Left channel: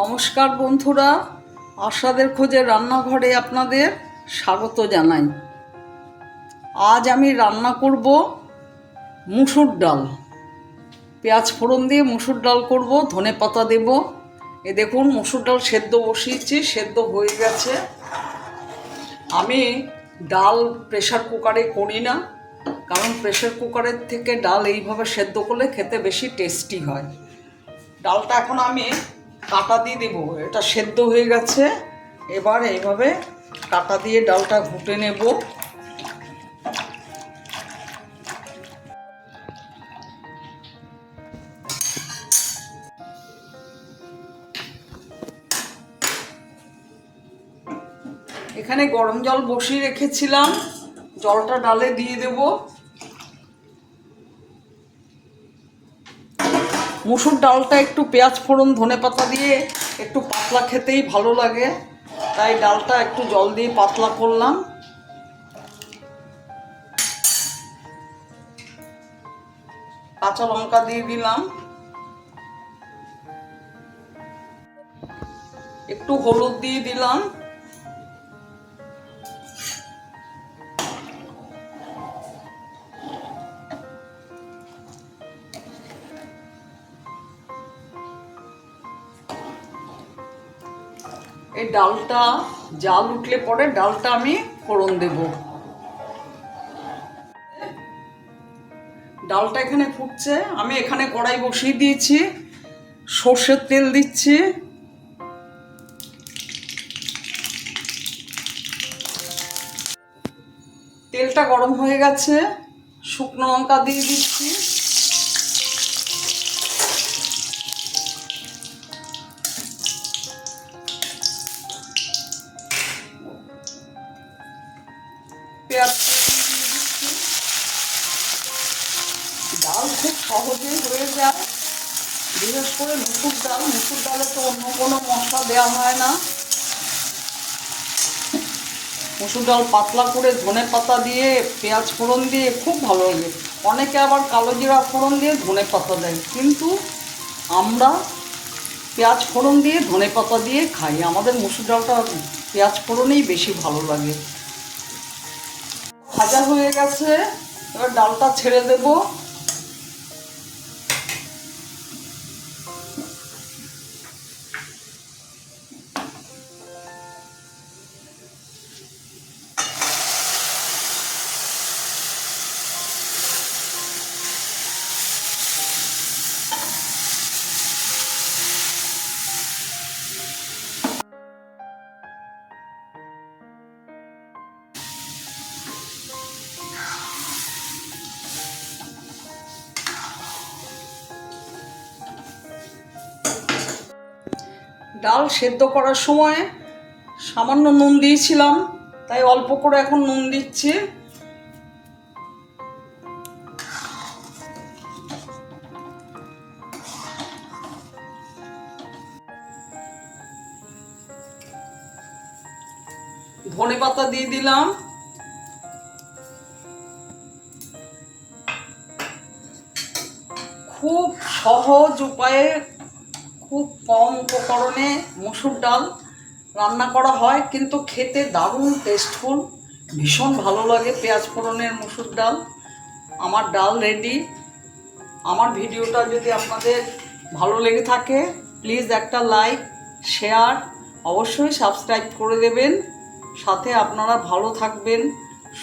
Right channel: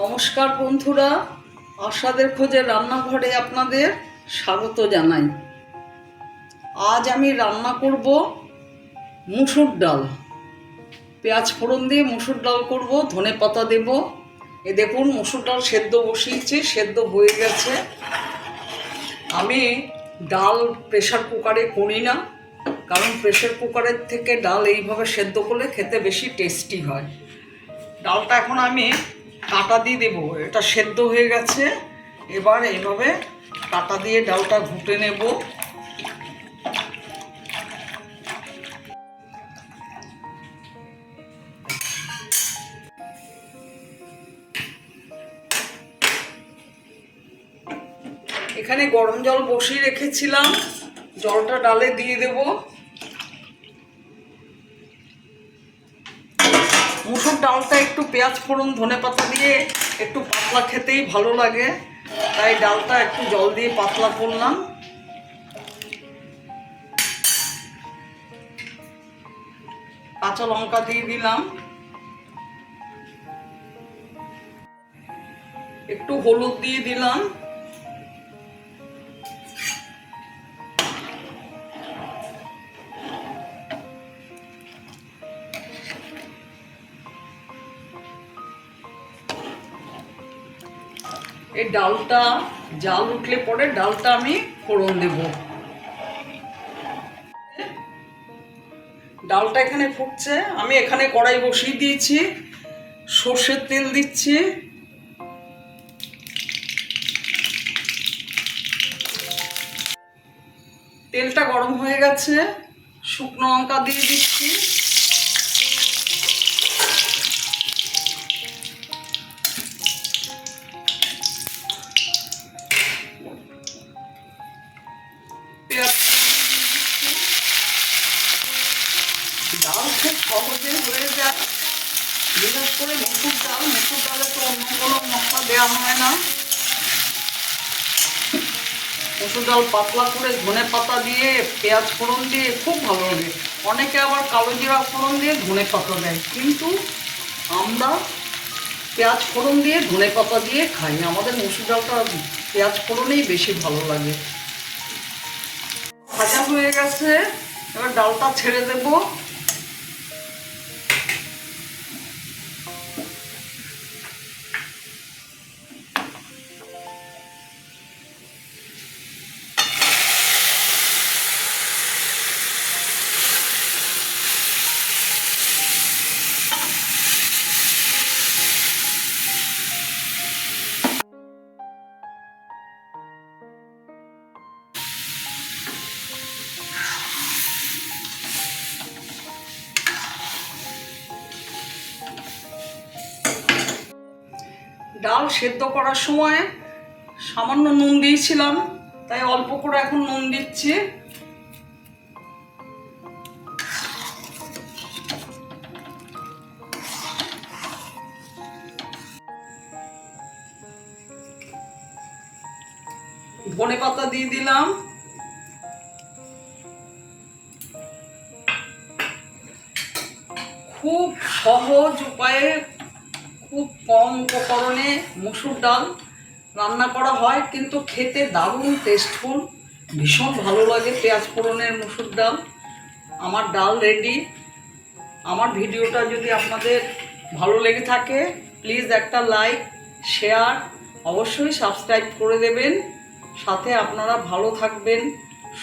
নমস্কার বন্ধুরা, আশাদের খোঁজে রান্নাঘরে আপনাদের স্বাগত জানাই। আজ আমি রান্না করব মুসুর ডাল। পেঁয়াজ ফোড়ন দিয়ে মুসুর ডাল করব, ধনে পাতা দেব। এ দেখুন, মুসুর ডাল সেদ্ধ বসিয়েছি, সেদ্ধ হয়ে গেছে। আমি ডাল প্রেশার কুকারে করি না, কারণ প্রেশার কুকারের থেকে ডাল এইভাবে সেদ্ধ করলে খেতে বেশি টেস্টি হয়। ডালটা এখন আমি কাটা দিয়ে দেবো এটা সেদ্ধ হয়ে গেছে। এবার এইভাবে কাটা দিয়ে ডালটা ঘুটে নেব। এখানে গরম জল বসিয়ে রেখেছিলাম। জলটা ডালে দিয়ে দেবো। মুসুর ডালটা একটু পেঁয়াজ ফোড়ন, ধনে পাতা দিয়ে একটু পাতলা খেতেই ভালো লাগে। তাই ডালটা একটু জল দিয়ে পাতলা করলাম। কাঁচা লঙ্কা দিয়ে দিলাম। একটু হলুদ দিয়ে দিলাম। এই ডালটা জাল উঠলে পরে ডালটা আমি ফোড়ন দেব। ডালটা এখানে ফুটছে, আমি এখানে কড়াই বসিয়ে দিয়েছি, সর্ষের তেল দিচ্ছি। তেলটা গরম হয়ে গেছে, শুকনো লঙ্কা দিয়ে দিচ্ছি। ডাল খুব সহজে হয়ে যায়। বিশেষ করে মুসুর ডাল, মুসুর ডালে তো অন্য কোনো মশলা দেওয়া হয় না। মুসুর ডাল পাতলা করে ধনে পাতা দিয়ে, পেঁয়াজ ফোড়ন দিয়ে খুব ভালো লাগে। অনেকে আবার কালো জিরা ফোড়ন দিয়ে ধনে পাতা দেয়। কিন্তু আমরা পেঁয়াজ ফোড়ন দিয়ে, ধনে পাতা দিয়ে খাই। আমাদের মুসুর ডালটা পেঁয়াজ ফোড়নেই বেশি ভালো লাগে। ভাজা হয়ে গেছে। এবার ডালটা ছেড়ে দেব। ডাল সেদ্ধ করার সময় সামান্য নুন দিয়েছিলাম, তাই অল্প করে এখন নুন দিচ্ছি। ধনে পাতা দিয়ে দিলাম। খুব সহজ উপায়ে খুব কম উপকরণে মসুর ডাল রান্না করা হয়, কিন্তু খেতে দারুণ টেস্টফুল ভীষণ ভালো লাগে পেঁয়াজ ফোড়নের মসুর ডাল। আমার ডাল রেডি আমার ভিডিওটা যদি আপনাদের ভালো লেগে থাকে প্লিজ একটা লাইক শেয়ার অবশ্যই সাবস্ক্রাইব করে দেবেন। সাথে আপনারা ভালো থাকবেন,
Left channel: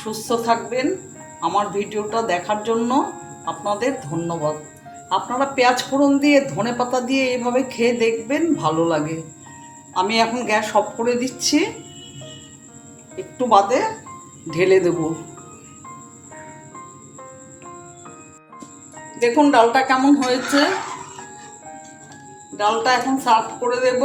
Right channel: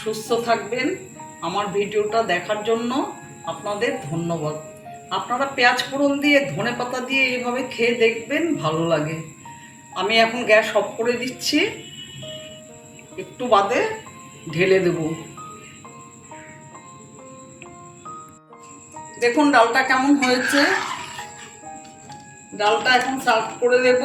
সুস্থ থাকবেন। আমার ভিডিওটা দেখার জন্য আপনাদের ধন্যবাদ। আপনারা পেঁয়াজ ফোড়ন দিয়ে, ধনে পাতা দিয়ে এইভাবে খেয়ে দেখবেন ভালো লাগে। আমি এখন গ্যাস অফ করে দিচ্ছি। একটু বাদে ঢেলে দেব। দেখুন ডালটা কেমন হয়েছে। ডালটা এখন সার্ভ করে দেব।